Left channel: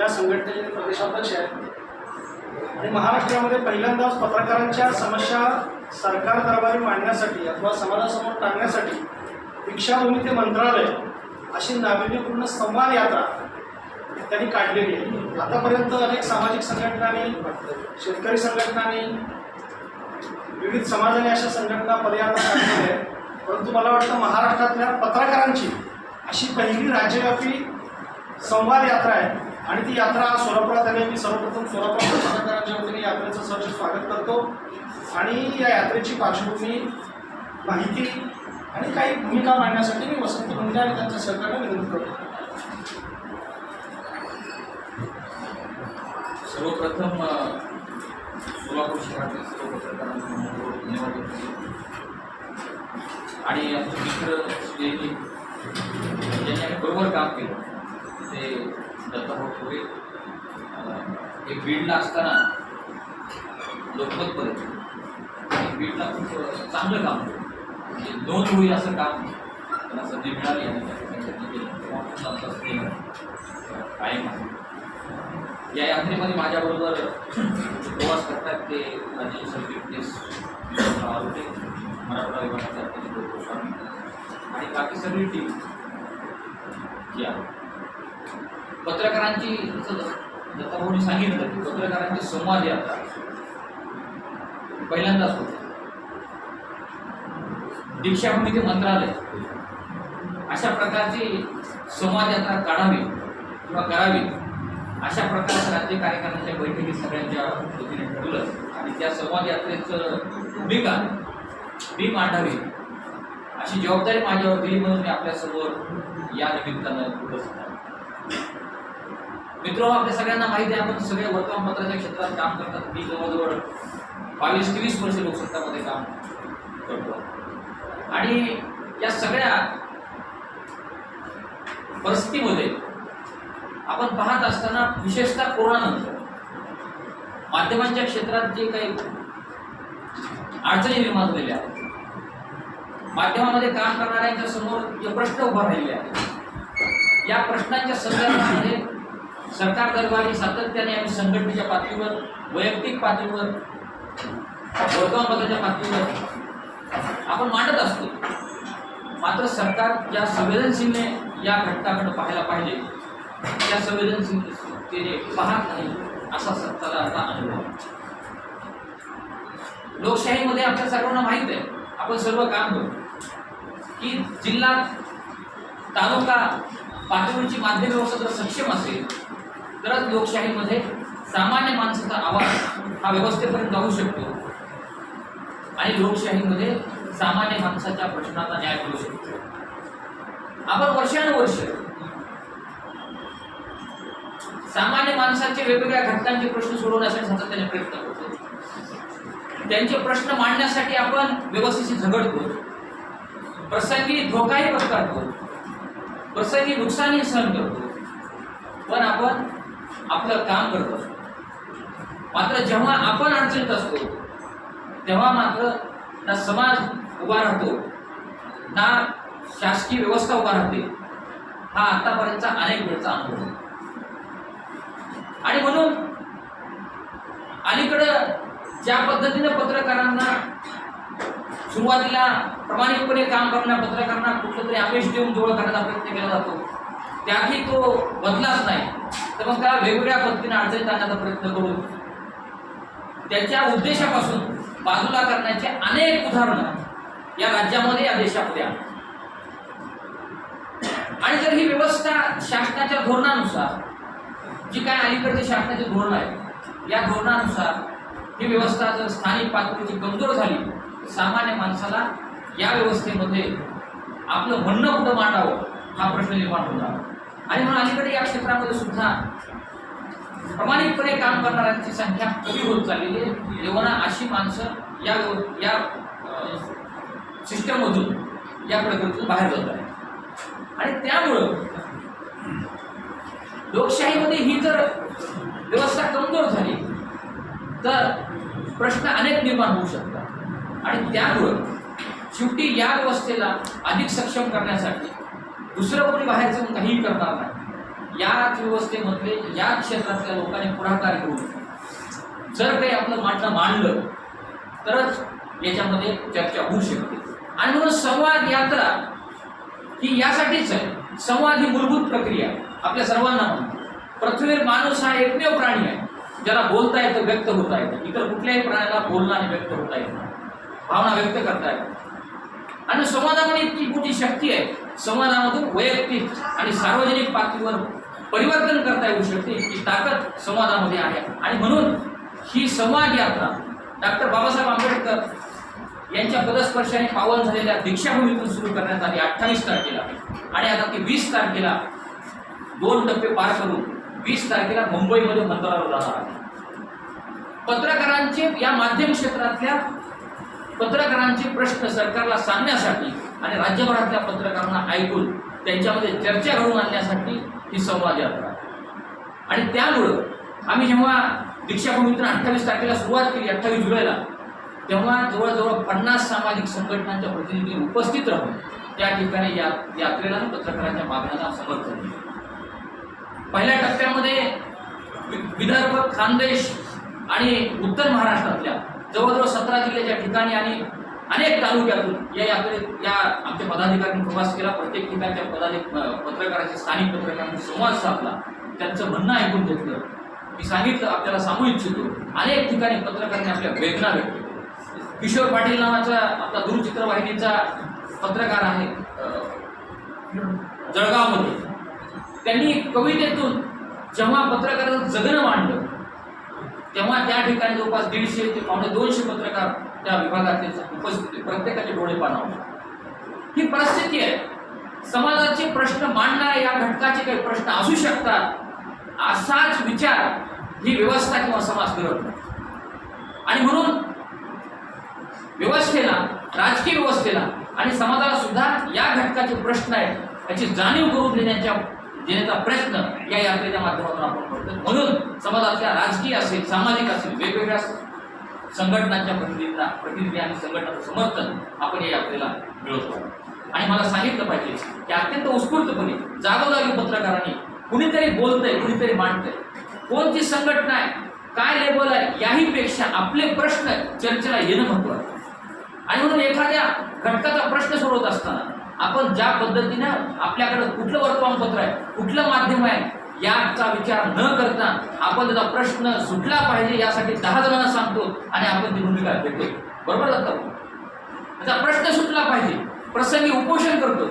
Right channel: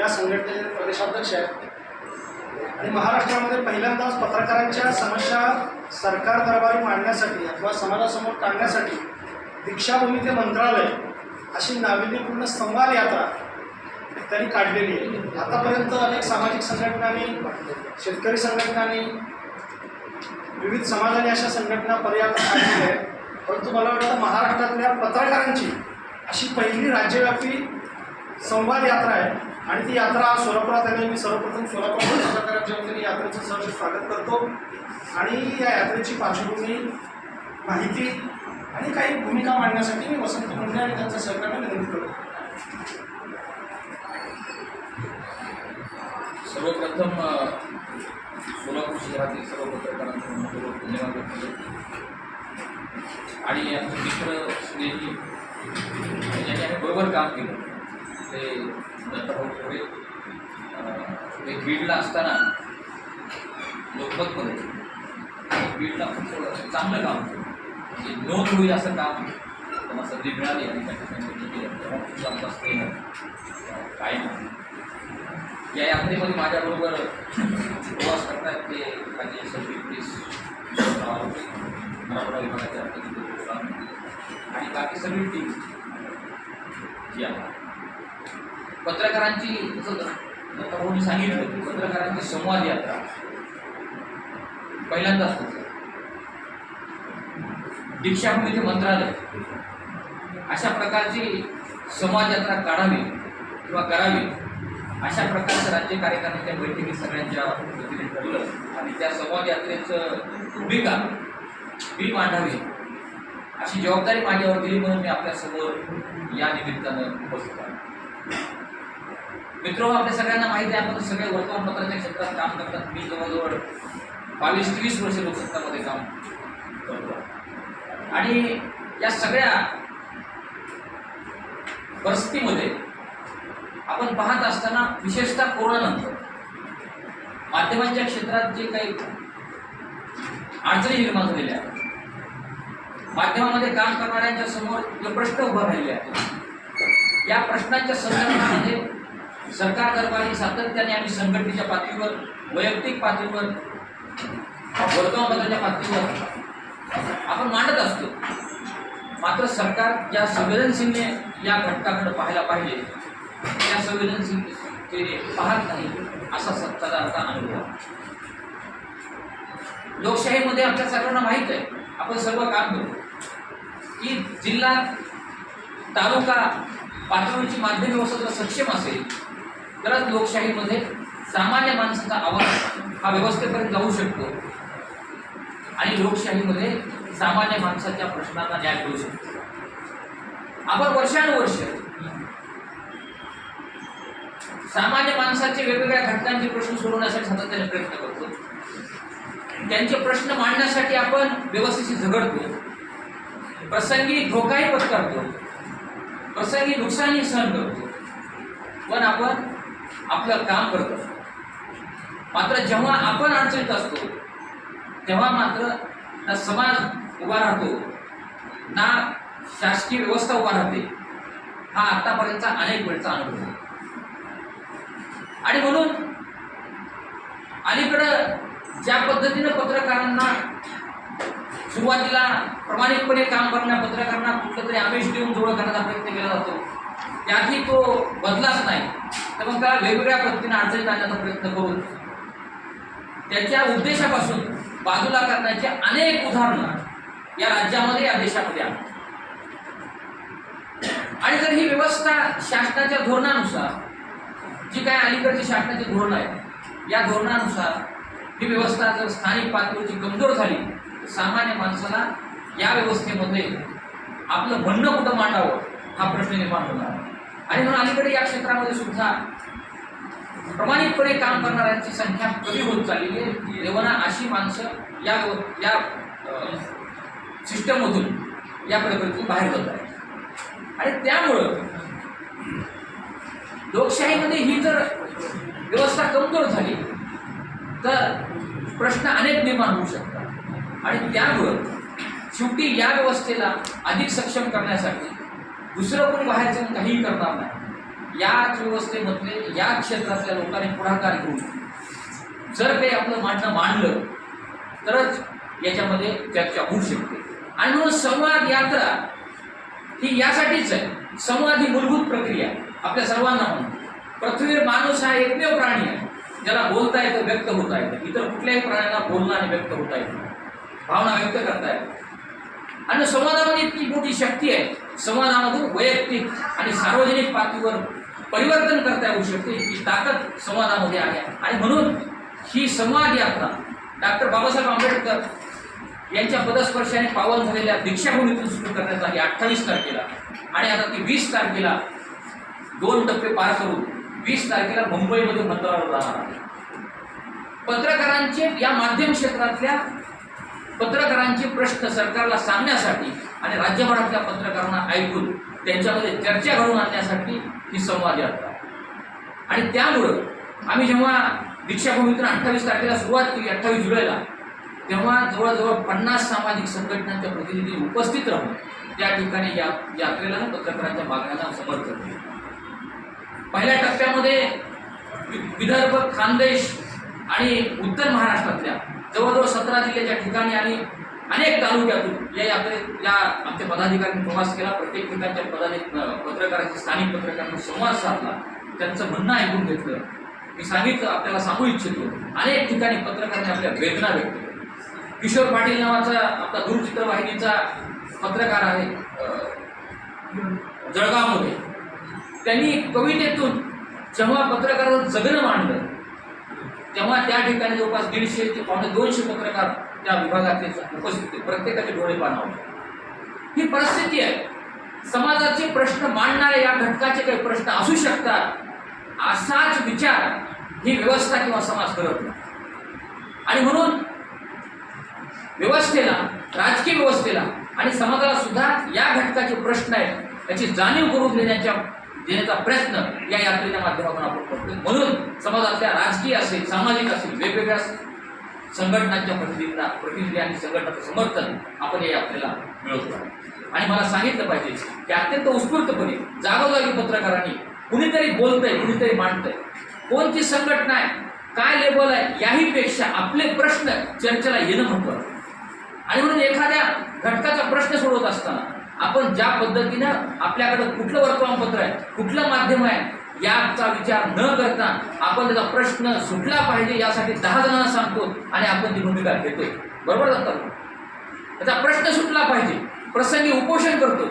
या संघटनेचे प्रदेशाध्यक्ष आहेत. आणि महाराष्ट्रामध्ये पहिल्यांदाच पत्रकारांच्या समस्या सरकार दरबारी मांडण्यासाठी अथवा समाजासमोर टाळण्यासाठी दीक्षाभूमी ते मंत्रालय अशी नाविन्यपूर्ण संवाद यात्रा त्यांनी काढलेली आहे. आतापर्यंत अनेक सामाजिक संघटनांनी शेतकरी संघटनांनी विविध समाजाने अशा संघटना पर्यावरण काढलेल्या आहेत. परंतु मला वाटतं महाराष्ट्रातल्या पत्रकारांची अशी पहिली राज्यव्यापी संवाद यात्रा आहे. आणि ती यात्रा सोलापुरात आली मी सर्वप्रथम सोलापूर कलाकारांच्या वतीने यात्रेचं सर्व स्वागत करतो. आणि या यात्रेची पार्श्वभूमी माहिती आणि काही भूमिका मांडण्यासाठी मी वसंत मुंडे आणि त्यांच्या सहकार्याने विनंती करतो. सर्वप्रथम सोलापूर शहरातील सर्व पत्रकारांना धन्यवाद व्यक्त करतो. आणि आमचे मित्र स्नेही ज्यांनी आम्ही बरोबर काम केलं. ते दत्ताभाऊ ठोरे एक बीडला असताना लोकमतमध्ये एक बीडला खूप चांगलं काम म्हणजे नोंद होईल असं काम त्यांना संधी मिळाली आणि त्या ठिकाणी केलं. तेव्हा कायम आहे. या यात्रेमध्ये माझ्याबरोबर प्रवास करतात ते माझे सरचिटणीस आरोग्य मराठवाडा विभागाचे अध्यक्ष आणि बाकी सगळी टीम जी आहे पत्रकारांची जसं दत्ताभाऊनी सांगितलं की पत्रकारांची संवाद यात्रा पहिल्यांदाच होती. दीक्षाभूमी ते मंत्रालय अशा प्रकारची संवाद यात्रा काढावी किंवा करावी अशा प्रकारचं राज्य कार्यकारिणीच्या बैठकीत सगळ्यांच्या वतीने ठरवलं आणि त्या संवाद यात्रेचं भूमिका मी मांडावी अशी जबाबदारी माझ्यावर दिली म्हणून मी आपल्यासमोर या निमित्तानं उपस्थित आहे. मित्र आपल्या सगळ्यांना माहिती आहे आपण सगळे वर्तमानपत्राच्या क्षेत्रात काम करतात. मी जवळजवळ बावीस तेवीस वर्ष लोकसत्तामध्ये काम करतो. आणि या सगळ्या परिस्थितीमध्ये आपण पाहत असताना विशेषतः कोरोनानंतर माध्यमांच्या क्षेत्रात जे काही अडचणी निर्माण झालेल्या आहेत माध्यमामध्ये काम करणाऱ्यांच्या समोर जे प्रश्न उभा राहिले आहेत या प्रश्नांच्या संदर्भामध्ये सरकार दरबारी सातत्याने आम्ही संघटनेच्या पातळीवर वैयक्तिक पातळीवर वर्तमानपत्राच्या पातळीवर आपण मांडत असतो. मात्र सरकार ज्या संवेदनशीलने या घटकाकडे पाहायला पाहिजे. त्या संवेदनशीलतेने पाहत नाही असा सत्ताला अनुभव लोकशाहीमध्ये आपल्या सर्वांना माहीत आहे. आपण सर्व काम करू. की जिल्हा तालुका पातळीची माध्यम व्यवस्था जर सक्षम असेल तरच लोकशाहीमध्ये सामान्य माणसाचा आवाज हा व्यवस्थेपर्यंत जाऊ शकतो. आणि लोकशाहीमध्ये सामान्य माणसाच्या प्रश्नांना न्याय मिळू शकतो. आपण वर्षानुवर्ष सामान्य माणसाचे वेगवेगळ्या घटकांचे प्रश्न सोडवण्यासाठी सातत्याने प्रयत्न करतो. त्यांचे प्रश्न मांडण्यासाठी आपण व्यवस्थेशी झगडतो. प्रसंगी धोकाही पत्करतो. प्रसंगी नुकसानही सहन करतो. पण आपण आपलं काम करत असतो मात्र जेव्हा आपण अडचणीत असतो तेव्हा मात्र ना समाज उभा राहतो ना शासकीय व्यवस्था उभा राहते हा आतापर्यंतचा अनेक वेळचा अनुभव आहे. आणि म्हणून अलीकडं ज्या पद्धतीनं पत्रकारांना सुरुवातीला प्रामाणिकपणे काम करण्या पत्रकारांना कुठलं तरी आमिष देऊन जवळ करण्याचा प्रयत्न केला जातो त्यातही तो बदलाच नाही तर मग त्याला वेगवेगळ्या पद्धतीने अडचणीत आणण्याचा प्रयत्न करून त्याच्या उद्देशापासून बाजूला करण्याचे अनेक उदाहरणं या राज्यामध्ये या देशामध्ये आहेत आणि जर ही व्यवस्था शासनाच्या धोरणानुसार जी काय अलीकडचे शासनाचे धोरण आहे या धोरणानुसार ही व्यवस्था जर स्थानिक पातळीची कमजोर झाली तर सामान्य माणसाला या व्यवस्थेमध्ये आपलं म्हणणं कुठं मांडावं हा प्रश्न निर्माण होणार. आणि म्हणून अलीकडे या क्षेत्रामध्ये सुद्धा प्रामाणिकपणे काम करणाऱ्यांची संख्या कमी होत चाललेली आहे. तेव्हा अशी माणसं या या सिस्टममधून या प्रकृतीतून बाहेर जात आहे आणि त्यामुळं लोकशाहीमध्ये ही जर व्यवस्था कमजोर झाली तर प्रश्न अनेक निर्माण होऊ शकतात. आणि त्यामुळं शेवटी या व्यवस्थेला अधिक सक्षम करण्यासाठी दुसरं कोणी बाहेर जाऊन काहीही करणार नाही. याच व्यवस्थेमधले या क्षेत्रातल्या लोकांनी पुढाकार घेऊन जर ते आपलं मांडणं मांडलं तरच याच्यामध्ये चर्चा होऊ शकते. आणि म्हणून संवाद यात्रा ही यासाठीच आहे. संवाद ही मूलभूत प्रक्रिया आपल्या सर्वांना माहिती पृथ्वीवर माणूस हा एकमेव प्राणी आहे. ज्याला बोलता येतं व्यक्त होता येतं. इतर कुठल्याही प्राण्याला बोलणं आणि व्यक्त होता येत नाही. भावना व्यक्त करता येतात. आणि संवादामध्ये इतकी मोठी शक्ती आहे. संवादामधून वैयक्तिक आणि सार्वजनिक पातळीवर परिवर्तन करता येऊ शकते ही ताकद संवादामध्ये आहे. आणि म्हणून ही संवाद यात्रा डॉक्टर बाबासाहेब आंबेडकर यांच्या पदस्पर्शाने पावन झालेल्या दीक्षाभूमीतून सुरू करण्यात आली अठ्ठावीस तारखेला. आणि आता ती वीस तारखेला दोन टप्पे पार करून वीस तारखेला मुंबईमध्ये मंत्रालय जाणार आहे. पत्रकारांचे या माध्यम क्षेत्रातल्या पत्रकारांचे प्रश्न सरकारला सांगण्यासाठी आणि राज्यभरातल्या पत्रकारांना ऐकून त्यांच्यामध्ये चर्चा घडवून आणण्यासाठी ही संवाद यात्रा. आणि त्यामुळं आम्ही जेव्हा दीक्षाभूमीतून अठ्ठावीस तारखेला सुरुवात केली अठ्ठावीस जुलैला तेव्हा जवळजवळ पन्नास सामाजिक संघटनांच्या प्रतिनिधी उपस्थित राहून त्या ठिकाणी या यात्रेला आणि पत्रकारांच्या मागण्यांना समर्थन दिलं. पहिल्या टप्प्यामध्ये वि- विदर्भ खानदेश आणि उत्तर महाराष्ट्रातल्या जवळजवळ सतरा जिल्ह्याच्या ठिकाणी आणि अनेक तालुक्यातून या यात्रेत या आमच्या पदाधिकाऱ्यांनी प्रवास केला. प्रत्येक ठिकाणच्या पदाधिक पत्रकारांशी स्थानिक पत्रकारांनी संवाद साधला. त्यांचं म्हणणं ऐकून घेतलं. मी सांगितलं आपल्याला सांगू इच्छितो. अनेक ठिकाणी पत्रकारांनी आपल्या वेदना व्यक्त केल्या. किशोर पाटील नावाचा आपला दूरचित्रवाहिनीचा पत्रकार आहे जळगावमध्ये. त्यांनी कवितेतून जेव्हा पत्रकाराचं जगणं मांडलं तेव्हा त्या ठिकाणी जवळपास दीडशे ते पावणे दोनशे पत्रकार त्या विभागातले उपस्थित होते. प्रत्येकाचे डोळे पाणावले ही परिस्थिती आहे. समाजाचे प्रश्न मांडणारे या घटकाचे काही प्रश्न असू शकतात. असाच विचार ही व्यवस्था किंवा समाज करत नाही. आणि म्हणून व्यवस्थेला राजकीय व्यवस्थेला आणि समाजाला सुद्धा या घटकाचे प्रश्न आहेत याची जाणीव करून देण्याच्या देण्याचा प्रयत्न या यात्रेच्या माध्यमातून आपण करतो म्हणून समाजातल्या राजकीय असेल सामाजिक असेल वेगवेगळ्या संघटनांच्या प्रतिनिधींना प्रतिनिधी आणि संघटनाचं समर्थन आपण या यात्रेला मिळवतो. आणि मला सांगितलं पाहिजे की अत्यंत उत्स्फूर्तपणे जागोजागी पत्रकारांनी कुणीतरी बोलतंय कुणीतरी मांडतंय. कोणती संघटना आहे? काय लेबल आहे? याही पेक्षा आपले प्रश्न चर्चेला येणं महत्वाचं आणि म्हणून एखाद्या घटकाचा प्रश्न सोडवत असताना आपण ज्या पद्धतीनं आपल्याकडं कुठलं वर्तमानपत्र आहे कुठलं माध्यम आहे याचा विचार न करता आपण त्याचा प्रश्न सुटला पाहिजे यासाठी दहा जणांना सांगतो आणि आपण ती भूमिका घेतोय. बरोबर जातात त्याचा प्रश्न सुटला पाहिजे प्रसंगी उपोषण करतो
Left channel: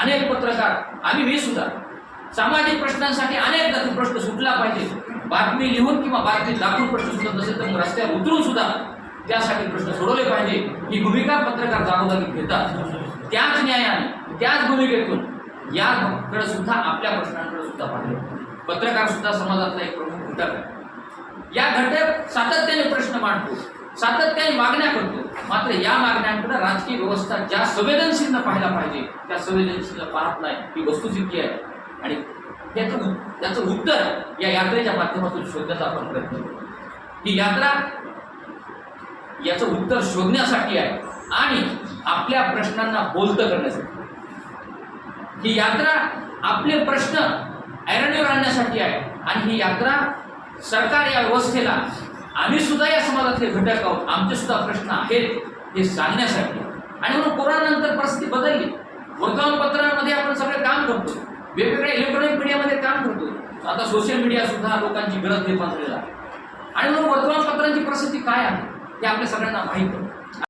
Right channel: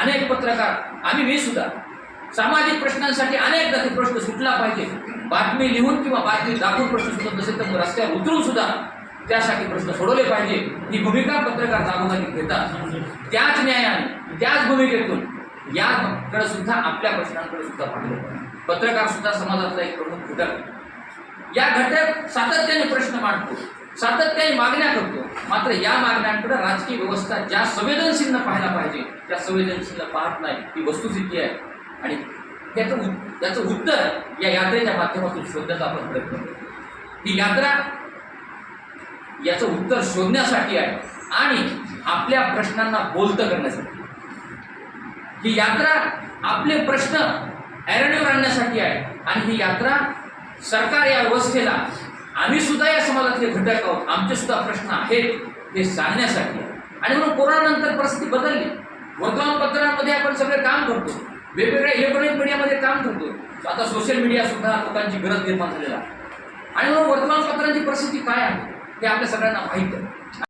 अनेक पत्रकार आम्ही मी सुद्धा सामाजिक प्रश्नांसाठी अनेकदा ते प्रश्न सुटला पाहिजे. बातमी लिहून किंवा बातमी दाखवून प्रश्न सुटत नसेल तर रस्त्यावर उतरून सुद्धा त्यासाठी प्रश्न सोडवले पाहिजे. ही भूमिका पत्रकार जागोजागी घेतात. त्याच न्यायाने त्याच भूमिकेतून याकडे सुद्धा आपल्या प्रश्नांकडे सुद्धा पाहिलं पत्रकार सुद्धा समाजातला एक प्रमुख घटक आहे. या घटक सातत्याने प्रश्न मांडतो सातत्याने मागण्या करतो. मात्र या मागण्यांकडे राजकीय व्यवस्था ज्या संवेदनशीलनं पाहायला पाहिजे त्या संवेदनशील पाहत नाही ही वस्तुस्थिती आहे. आणि याचं उत- उत्तर या यात्रेच्या माध्यमातून शोधण्याचा आपण प्रयत्न करतो ही यात्रा याचं उत्तर शोधण्यासाठी आहे. आणि आपल्या प्रश्नांना बोलतं करण्यासाठी. ही यात्रा आपले प्रश्न ऐरणीवर आणण्यासाठी आहे. आणि ही यात्रा सरकार या व्यवस्थेला आम्ही सुद्धा या समाजातले घटक आहोत. आमचे सुद्धा प्रश्न आहेत हे सांगण्यासाठी. आहे. आणि म्हणून कोरोनानंतर परिस्थिती बदलली. वर्तमानपत्रांमध्ये आपण सगळे काम करतो. वेगवेगळ्या इलेक्ट्रॉनिक मीडियामध्ये काम करतो. आता सोशल मीडिया सुद्धा लोकांची गरज निर्माण झालेला आहे. आणि म्हणून वर्तमानपत्रांची परिस्थिती काय आहे? हे आपल्या सगळ्यांना माहीत आहे